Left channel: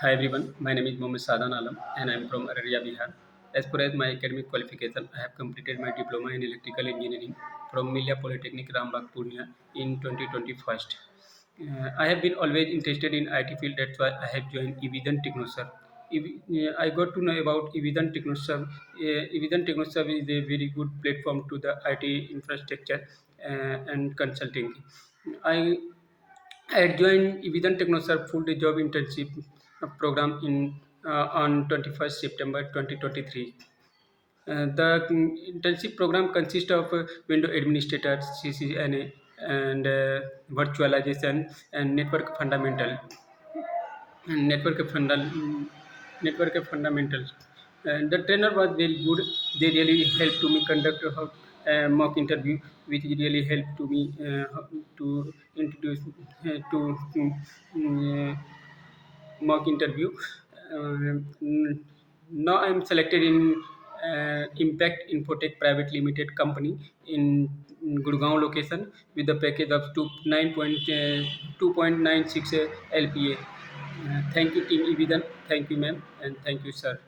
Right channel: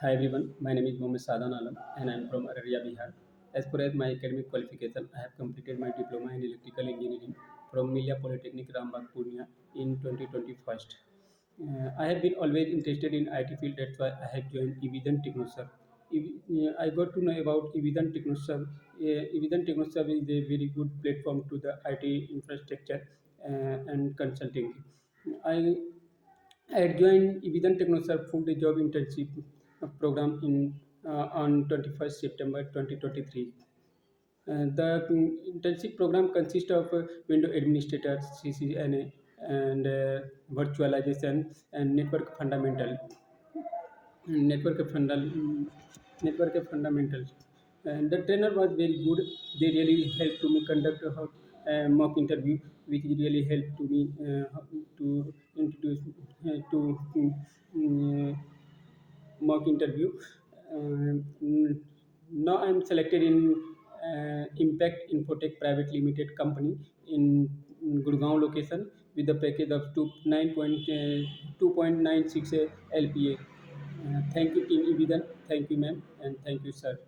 Hi everyone, my name is Mohammed Sadan Alam and I am from Araria, Bihar. As far as my academic qualification, I have completed my diploma in electrical engineering from Milya Polytechnic Rambagh, Purnia in 2021. I have been always interested in IT field, that's why I have joined Evision Technosub. I got to know about Evision Technosub. Evision Technosub is a very good platform to the IT infrastructure and consulting. I I had joined Evision Technosub full-day job internship program in on 21st September 2023. The internship program consists of window administrator, CCNA, and virtualization and network fundal, network fundamentals. And the trainer was very good. They really helped to me conduct a mock interview, which really helped to me to introduce to mock interview. Now I'm selected in Impact Infotech Private Limited company in Gurgaon location with the package of 2.96 LPA. Thank you, Team Evidan. Thank you, ma'am, and thank you, sir.